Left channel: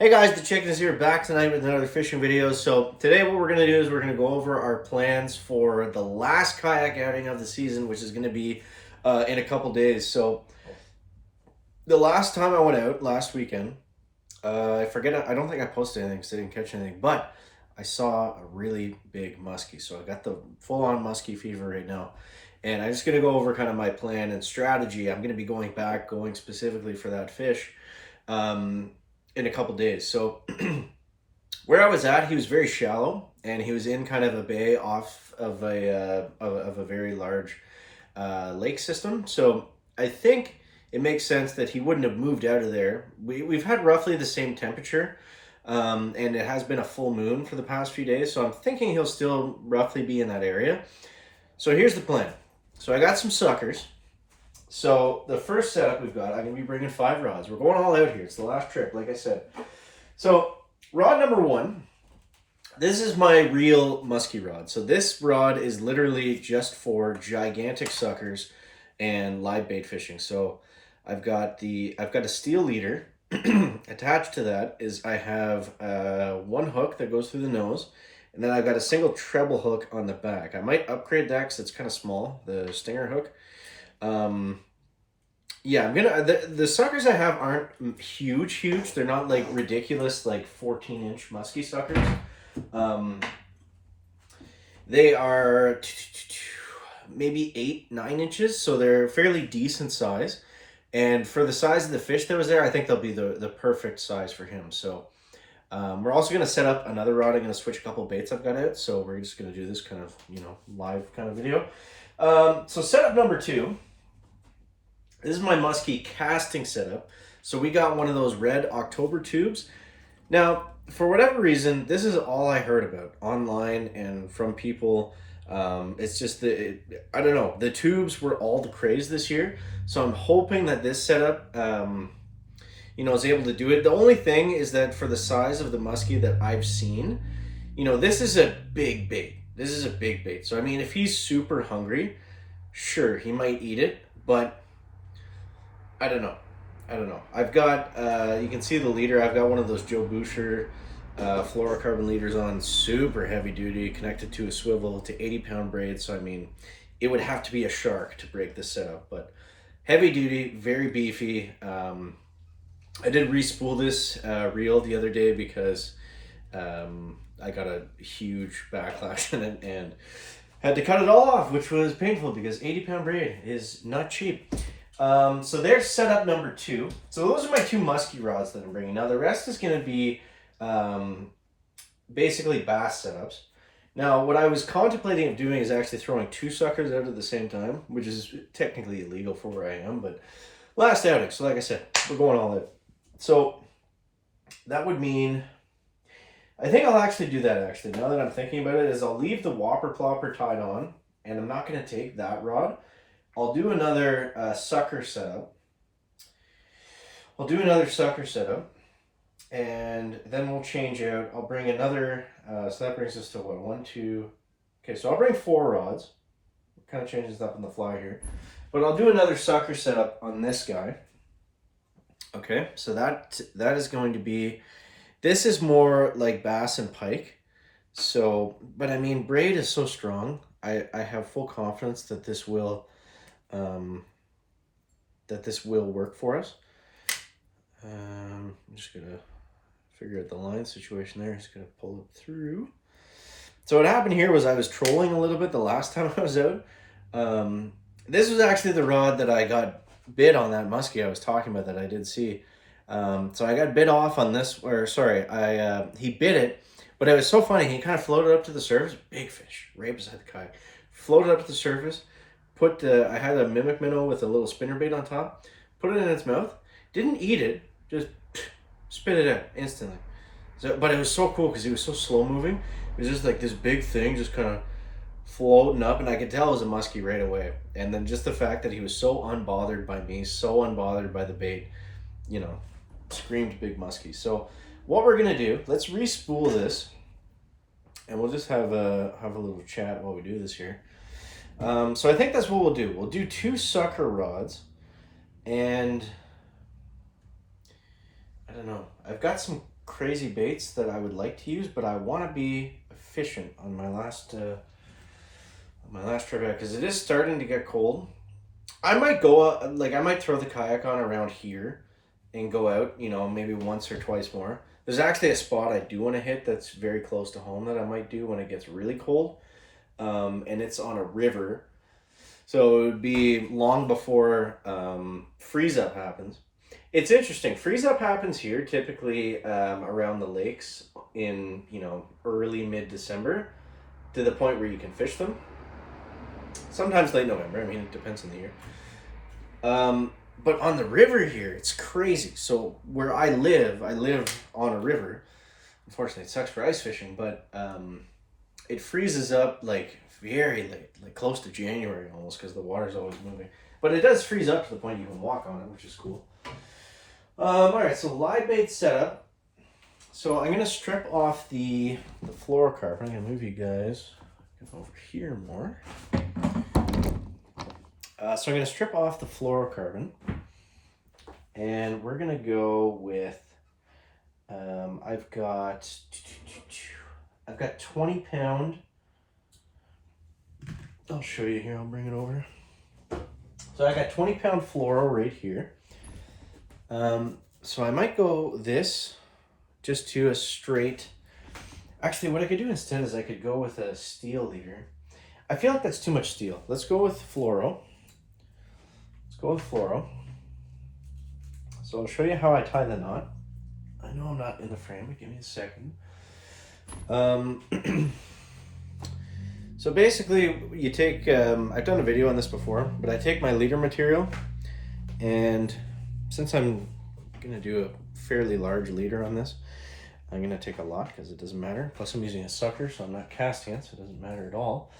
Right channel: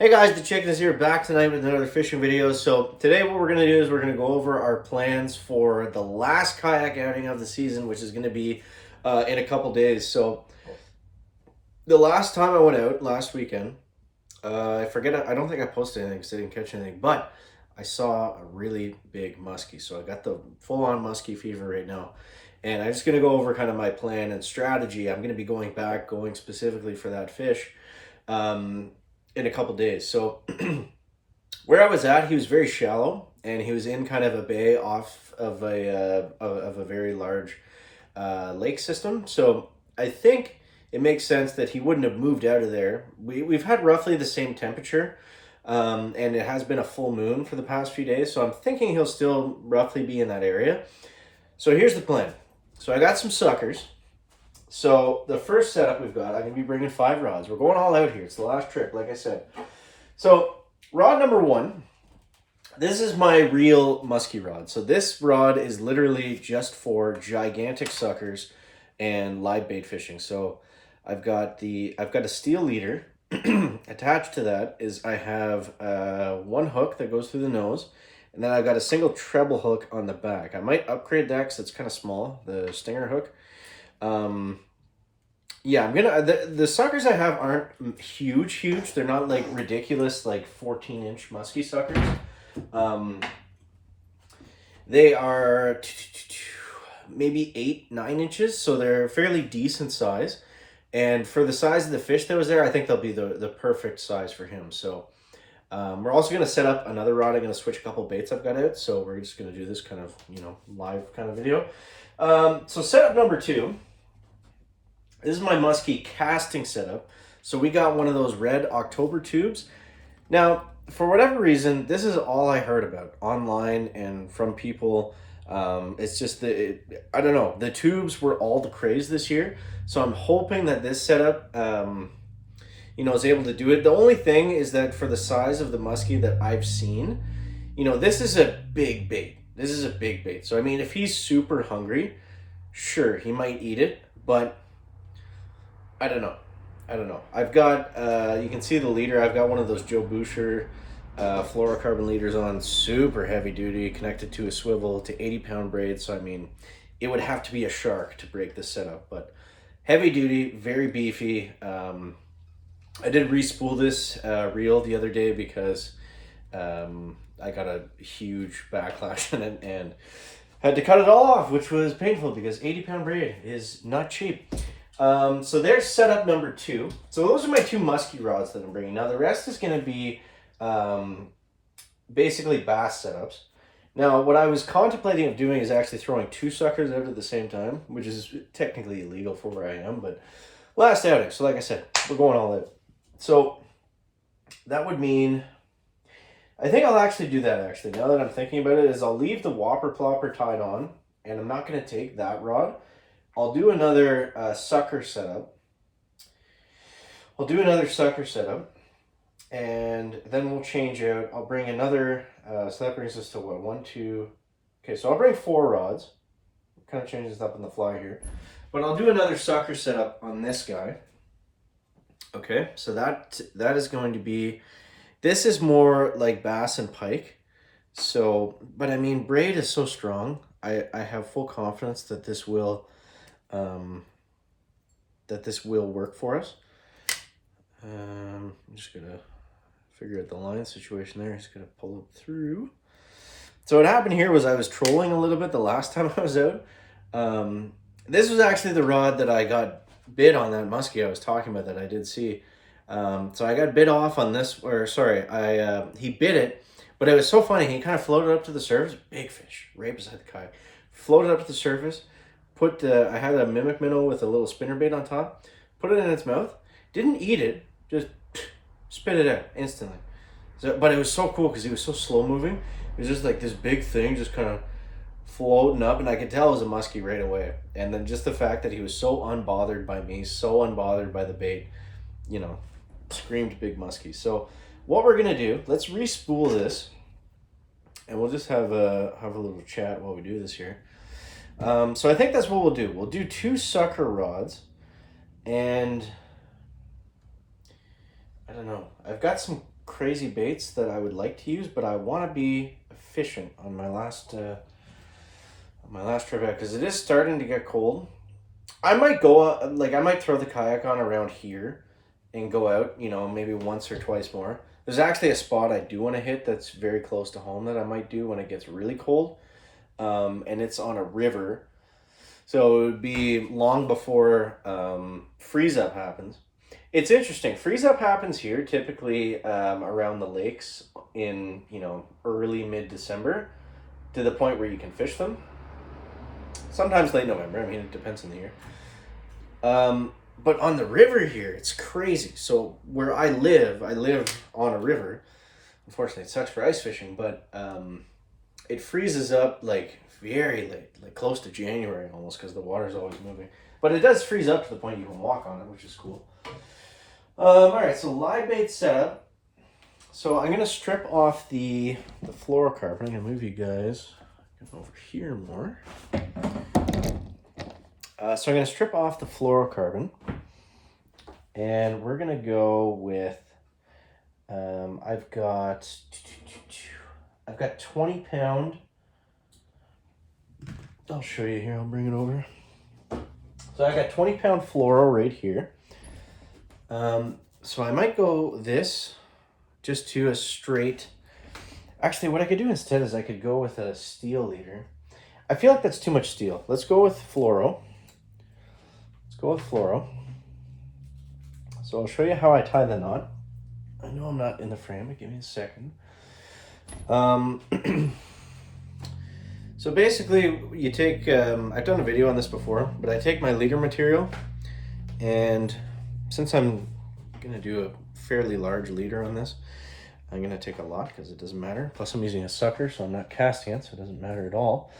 Hey guys, the Chicken is here, back tonight with another fishing video. So today what we're going to do is we're going to go over our plans for the last kayak outing of the season, which is going to be in a couple days. So the last time I went out, last weekend, I don't think I posted anything because I didn't catch anything, but I saw a really big muskie. So I got the full-on muskie fever right now. And I'm just going to go over kind of my plan and strategy. I'm going to be going specifically for that fish. In a couple days. So where I was at, he was very shallow, and he was in kind of a bay off of a very large lake system. So I think it makes sense that he wouldn't have moved out of there. We've had roughly the same temperature, and it has been a full moon for the past few days. So I'm thinking he'll still roughly be in that area. So here's the plan. So I got some suckers. So the first setup we've got, I'm going to be bringing 5 rods. We're going all out here. It's the last trip, like I said. So rod number 1, this is my real musky rod. So this rod is literally just for gigantic suckers and live bait fishing. So I've got a steel leader. Attached to that is I have one hook that goes through the nose, and then I've got a single treble hook on the back. I might upgrade that because it's kind of small, the stinger hook. Yeah, I'm gonna the suckers I have aren't huge. They're not like ridiculous like 14-inch musky suckers. They are maybe 8-9 inches, so they're fairly decent size. And for the size of the fish that was there, I think they'll be the perfect size for him. So we're also going to set up another rod. I'm going to switch a couple baits I've got out. So we're just going to do this kind of, live kind of video. So setup number 2. This is my musky casting setup. So we got one of those red October tubes. Now, for whatever reason, this is all I heard about online and from people. It's just I don't know. The tubes were all the craze this year. So I'm hoping that this setup, is able to do it. The only thing is that for the size of the muskie that I've seen, this is a big bait. This is a big bait. So, I mean, if he's super hungry, sure, he might eat it, but I don't know. I've got, you can see the leader. I've got one of those Joe Boucher fluorocarbon leaders on, super heavy duty, connected to a swivel to 80-pound braid. So, I mean, it would have to be a shark to break this setup, but heavy duty, very beefy. I did re-spool this reel the other day because I got a huge backlash in it and had to cut it all off, which was painful because 80-pound braid is not cheap. So there's setup number 2. So those are my 2 musky rods that I'm bringing. Now the rest is going to be basically bass setups. Now what I was contemplating of doing is actually throwing 2 suckers out at the same time, which is technically illegal for where I am, but last outing. So like I said, we're going all out. So that would mean, I think I'll actually do that actually. Now that I'm thinking about it, is I'll leave the whopper plopper tied on, and I'm not going to take that rod. I'll do another sucker setup. And then we'll change out. I'll bring another, so that brings us to what, 1, 2, okay, so I'll bring 4 rods. Kind of changes it up on the fly here. But I'll do another sucker setup on this guy. Okay, so that is going to be, this is more like bass and pike. So, but I mean, braid is so strong. I have full confidence that this will work for us. I'm just gonna figure out the line situation there. Just gonna pull it through. So what happened here was I was trolling a little bit the last time I was out. This was actually the rod that I got bit on, that muskie I was talking about that I did see. So I got bit off on this, or sorry, he bit it, but it was so funny. He kind of floated up to the surface, big fish, right beside the kayak. Floated up to the surface. I had a mimic minnow with a little spinnerbait on top, put it in its mouth, didn't eat it, just spit it out instantly. So, but it was so cool because he was so slow moving. It was just like this big thing just kind of floating up, and I could tell it was a muskie right away. And then just the fact that he was so unbothered by me, so unbothered by the bait, screamed big muskie. So what we're gonna do, let's re-spool this, and we'll just have a little chat while we do this here. So I think that's what we'll do. We'll do 2 sucker rods, and I don't know. I've got some crazy baits that I would like to use, but I want to be efficient on my last trip out because it is starting to get cold. I might go like I might throw the kayak on around here and go out, you know, maybe once or twice more. There's actually a spot I do want to hit that's very close to home that I might do when it gets really cold. And it's on a river. So it would be long before freeze up happens. It's interesting. Freeze up happens here typically around the lakes in, you know, early mid-December to the point where you can fish them. Sometimes late November. I mean, it depends on the year. But on the river here, it's crazy. So where I live on a river. Unfortunately, it sucks for ice fishing, but it freezes up like very late, like close to January almost, because the water's always moving. But it does freeze up to the point you can walk on it, which is cool. All right, so live bait setup. So I'm gonna strip off the fluorocarbon. I'm gonna move you guys over here more. So I'm going to strip off the fluorocarbon, and we're going to go with, I've got 20-pound, I'll show you here, I'll bring it over. So I got 20-pound fluoro right here. So I might go this just to a straight, actually what I could do instead is I could go with a steel leader. I feel like that's too much steel. Let's go with fluoro. Go with fluoro. So I'll show you how I tie the knot. I know I'm not in the frame, but give me a second. So basically you take, I've done a video on this before, but I take my leader material, and since I'm gonna do a fairly large leader on this, I'm gonna take a lot because it doesn't matter. Plus I'm using a sucker, so I'm not casting it, so it doesn't matter at all.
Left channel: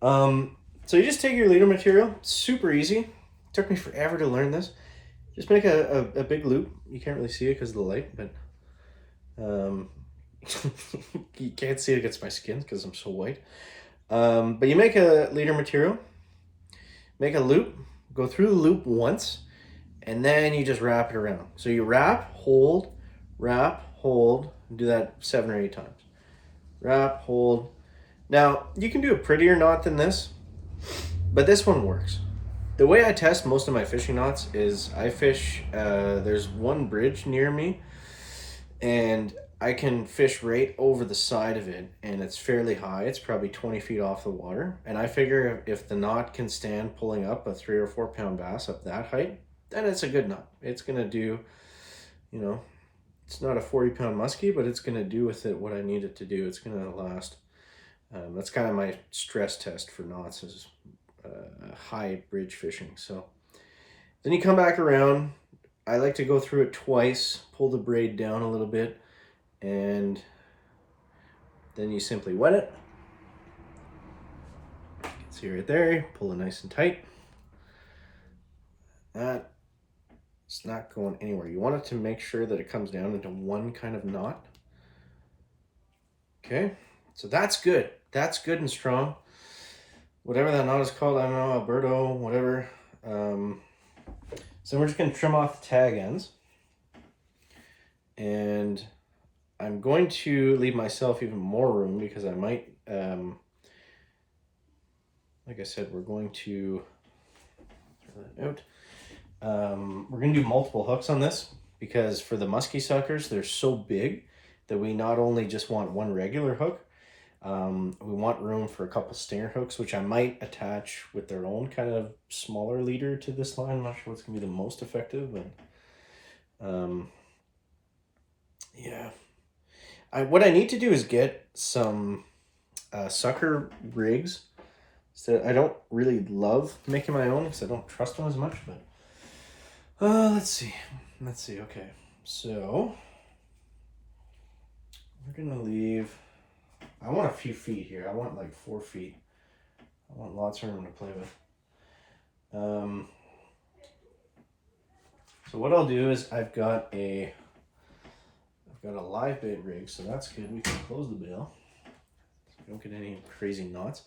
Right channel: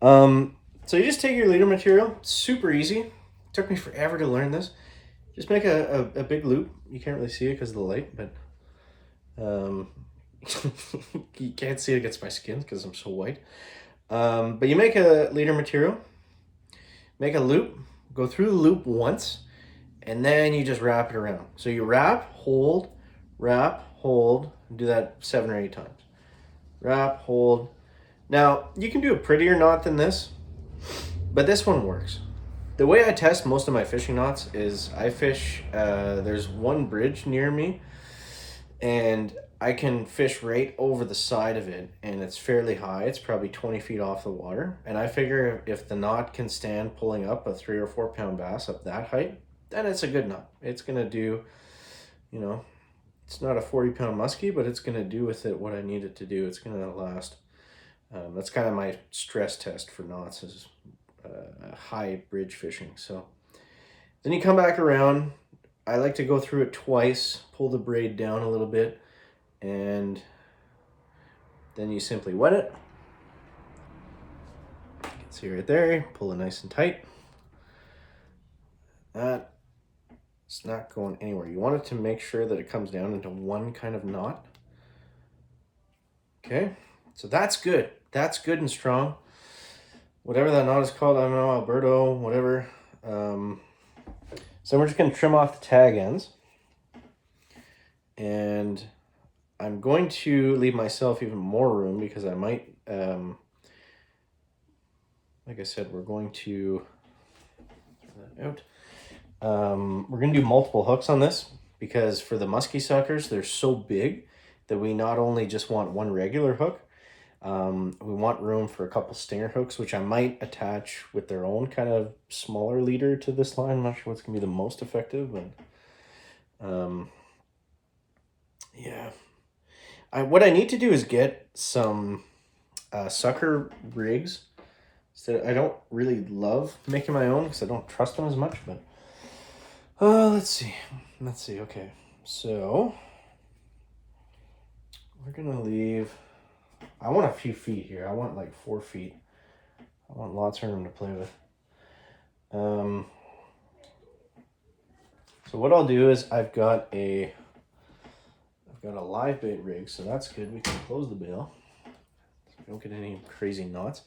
So you just take your leader material, it's super easy. Took me forever to learn this. Just make a big loop. You can't really see it because of the light, but you can't see it against my skin because I'm so white. But you make a leader material, make a loop, go through the loop once, and then you just wrap it around. So you wrap, hold, and do that 7 or 8 times. Wrap, hold. Now, you can do a prettier knot than this, but this one works. The way I test most of my fishing knots is I fish, there's one bridge near me, and I can fish right over the side of it, and it's fairly high. It's probably 20 feet off the water, and I figure if the knot can stand pulling up a 3 or 4 pound bass up that height, then it's a good knot. It's gonna do, you know, it's not a 40-pound muskie, but it's gonna do with it what I need it to do. It's gonna last. That's kind of my stress test for knots is high bridge fishing. So then you come back around. I like to go through it twice, pull the braid down a little bit, and then you simply wet it. See right there, pull it nice and tight. That it's not going anywhere. You want it to make sure that it comes down into one kind of knot. Okay, so that's good. That's good and strong. Whatever that knot is called, I don't know, Alberto, whatever. So we're just gonna trim off the tag ends. And I'm going to leave myself even more room because I might, like I said, we're going to throw that out. We're gonna do multiple hooks on this because for the musky suckers, they're so big that we not only just want one regular hook, we want room for a couple stinger hooks, which I might attach with their own kind of smaller leader to this line. I'm not sure what's gonna be the most effective, but yeah. What I need to do is get some sucker rigs. So I don't really love making my own because I don't trust them as much, but let's see. Okay, so we're gonna leave. I want a few feet here. I want like 4 feet. I want lots of room to play with. So what I'll do is I've got a live bait rig, so that's good. We can close the bail so we don't get any crazy knots.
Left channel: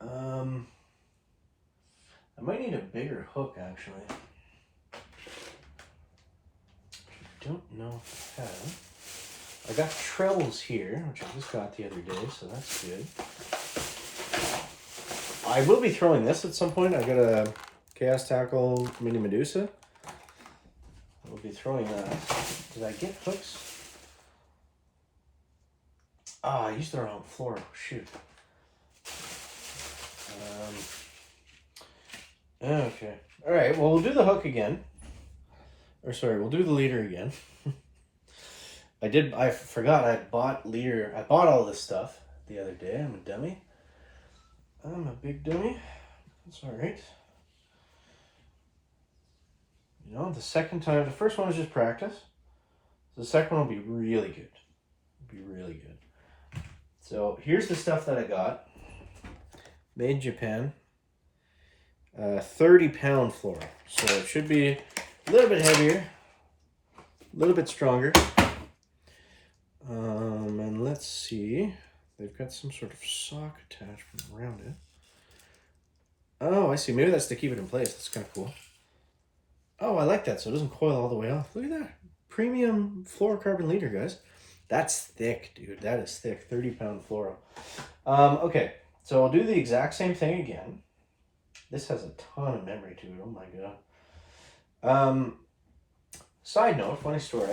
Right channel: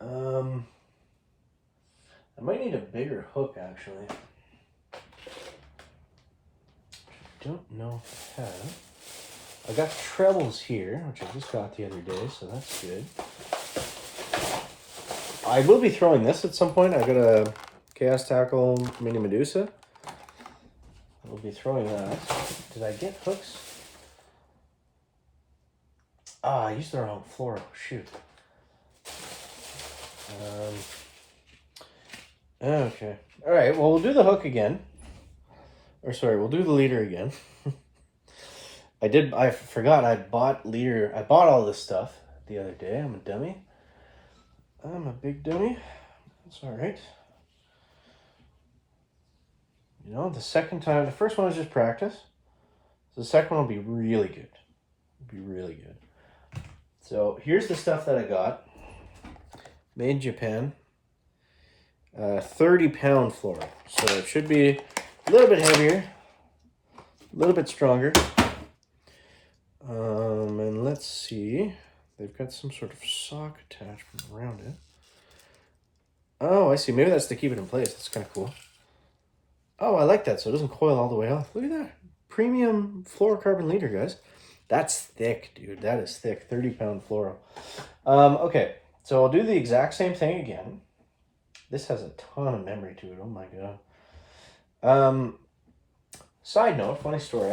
I might need a bigger hook actually. don't know if I have. I got trebles here, which I just got the other day, so that's good. I will be throwing this at some point. I got a Chaos Tackle Mini Medusa. We'll be throwing that. Did I get hooks? Ah, I used the wrong fluoro. Shoot. Okay. All right. Well, we'll do the hook again. Or sorry, we'll do the leader again. I forgot I bought leader. I bought all this stuff the other day. I'm a dummy. I'm a big dummy. It's all right. You know, the second time, the first one was just practice. The second one will be really good. It'll be really good. So here's the stuff that I got. Made in Japan. 30-pound fluoro. So it should be a little bit heavier, a little bit stronger. And let's see. They've got some sort of sock attachment around it. Oh, I see. Maybe that's to keep it in place. That's kind of cool. Oh, I like that. So it doesn't coil all the way off. Look at that. Premium fluorocarbon leader, guys. That's thick, dude. That is thick. 30-pound fluoro. Okay. So I'll do the exact same thing again. This has a ton of memory to it. Oh my god. Side note, funny story.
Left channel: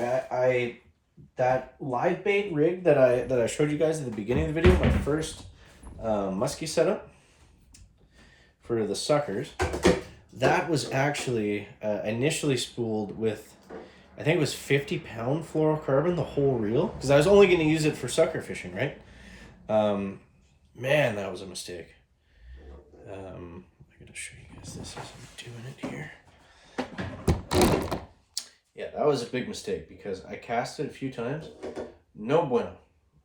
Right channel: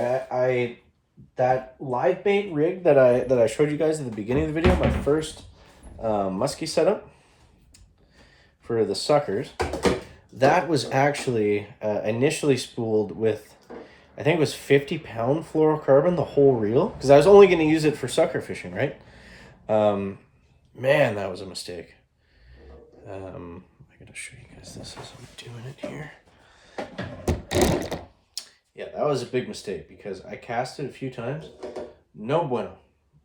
That live bait rig that I showed you guys at the beginning of the video, my first musky setup for the suckers, that was actually initially spooled with, I think it was 50-pound fluorocarbon, the whole reel, because I was only going to use it for sucker fishing, right? Man, that was a mistake. I'm going to show you guys this as I'm doing it here. Yeah, that was a big mistake because I cast it a few times. No bueno.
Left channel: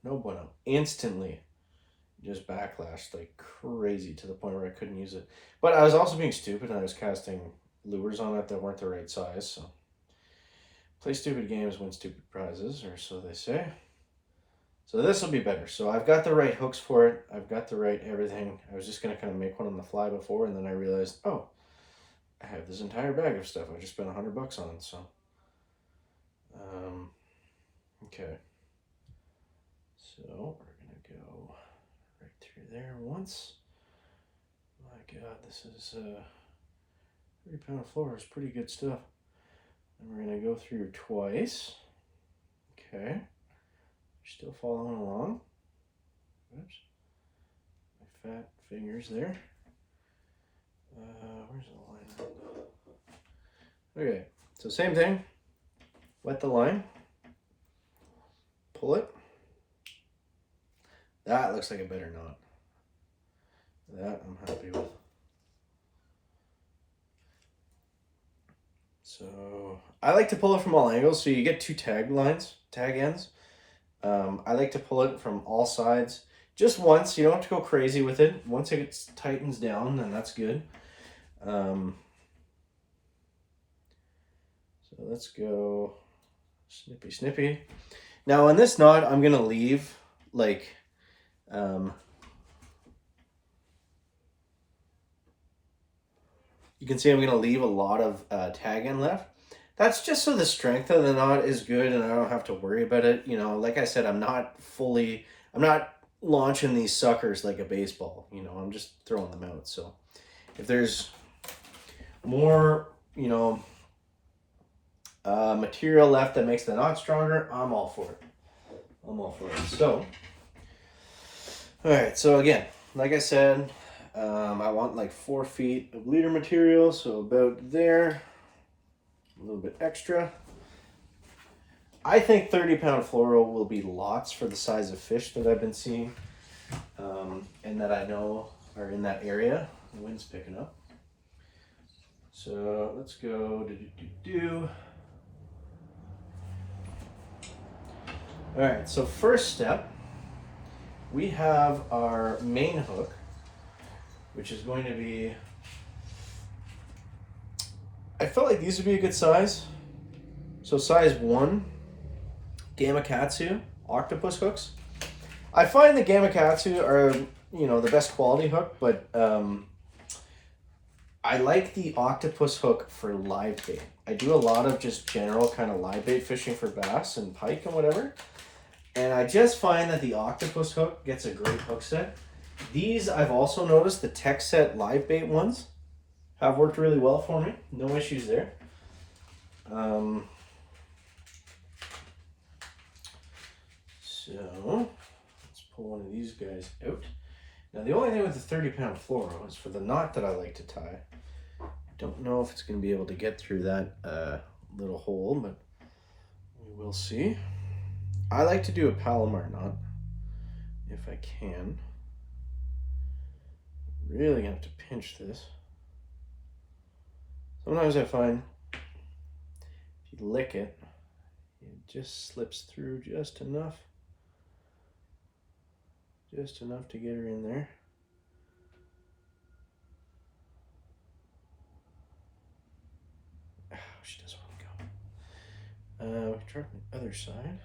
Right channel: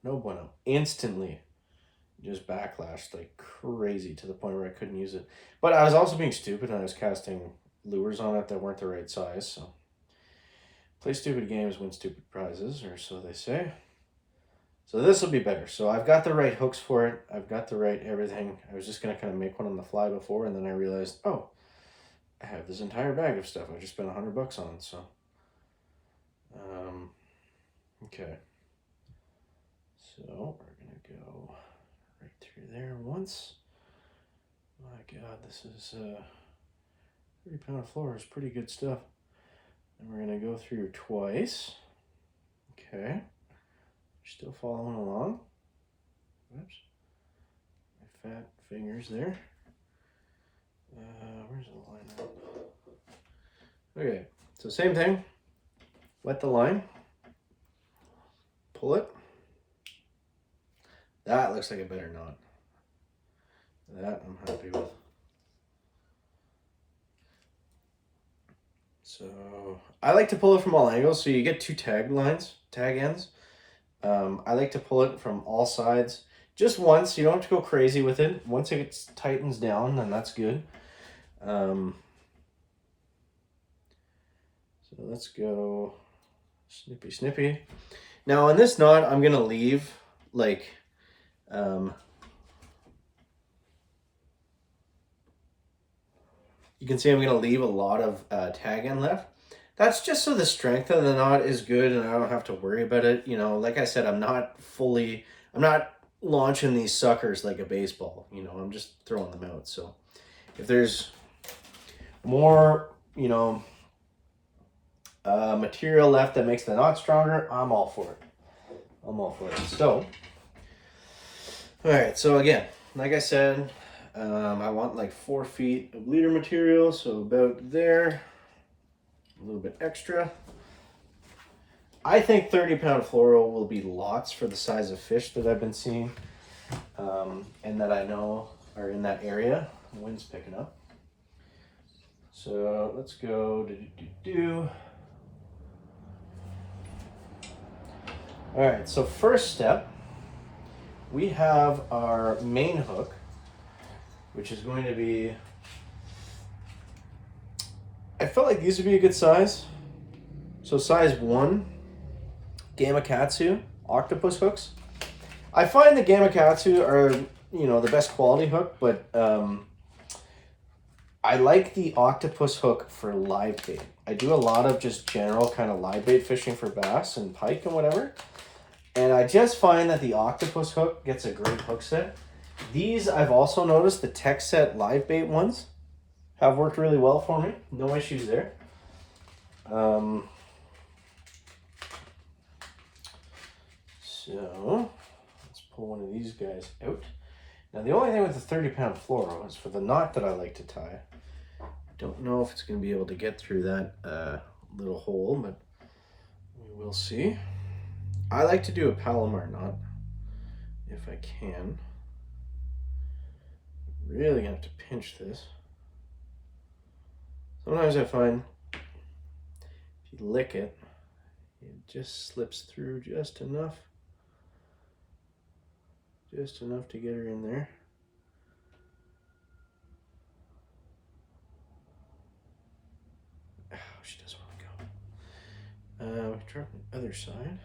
No bueno. Instantly just backlashed like crazy to the point where I couldn't use it. But I was also being stupid and I was casting lures on it that weren't the right size. So play stupid games, win stupid prizes, or so they say. So this will be better. So I've got the right hooks for it. I've got the right everything. I was just going to kind of make one on the fly before, and then I realized, oh, I have this entire bag of stuff I just spent $100 on. So okay, so we're gonna go right through there once. My god, this is 30-pound fluoro is pretty good stuff. And we're gonna go through twice. Okay, still following along. Oops, my fat fingers there. Where's the line at? Okay, so same thing. Wet the line, pull it. That looks like a better knot. That I'm happy with. So I like to pull it from all angles, so you get two tag ends. I like to pull it from all sides just once. You don't have to go crazy with it. Once it tightens down, then that's good. So let's go. Snippy, snippy. Now on this knot, I'm gonna leave like, you can see I'm gonna leave a lot of tag end left. That's just so the strength of the knot is good and I don't have to worry about it. You know, like I said, I'm not launching these suckers like a baseball. You know, I'm just throwing them out. So if there's more, you know, material left that makes the knot stronger, I'm all for it. I'm all for it. So, all right. So again, like I said, I want like 4 feet of leader material. So about there, a little bit extra. I think 30-pound fluoro will be lots for the size of fish that I've been seeing, and that I know are in that area. The wind's picking up. So let's go. All right, so first step, we have our main hook, which is going to be, I felt like these would be a good size. So size 1, Gamakatsu octopus hooks. I find the Gamakatsu are, you know, the best quality hook, but I like the octopus hook for live bait. I do a lot of just general kind of live bait fishing for bass and pike and whatever. And I just find that the octopus hook gets a great hook set. These, I've also noticed, the tech set live bait ones have worked really well for me. No issues there. So let's pull one of these guys out. Now the only thing with the 30-pound fluoro is for the knot that I like to tie. I don't know if it's going to be able to get through that little hole, but we will see. I like to do a Palomar knot if I can. Really gonna have to pinch this. Sometimes I find if you lick it, it just slips through just enough. Just enough to get her in there. Oh, she doesn't want to go. We try the other side.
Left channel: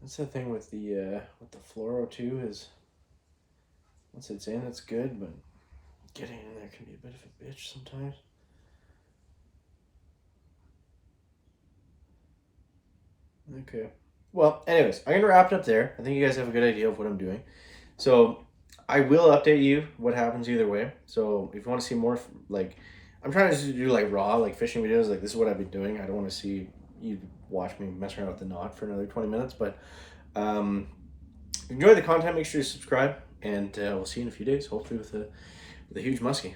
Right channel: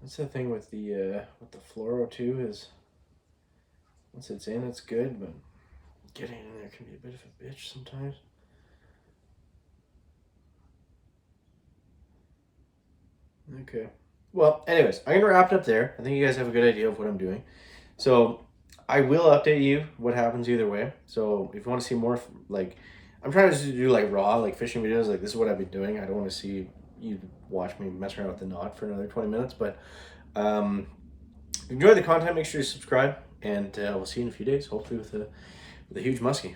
That's the thing with the fluoro too, is once it's in, it's good, but getting in there can be a bit of a bitch sometimes. Okay. Well, anyways, I'm gonna wrap it up there. I think you guys have a good idea of what I'm doing. So I will update you what happens either way. So if you want to see more, like, I'm trying to do like raw, like fishing videos, like this is what I've been doing. I don't want to see you watch me mess around with the knot for another 20 minutes, but enjoy the content. Make sure you subscribe, and we'll see you in a few days, hopefully with a huge muskie.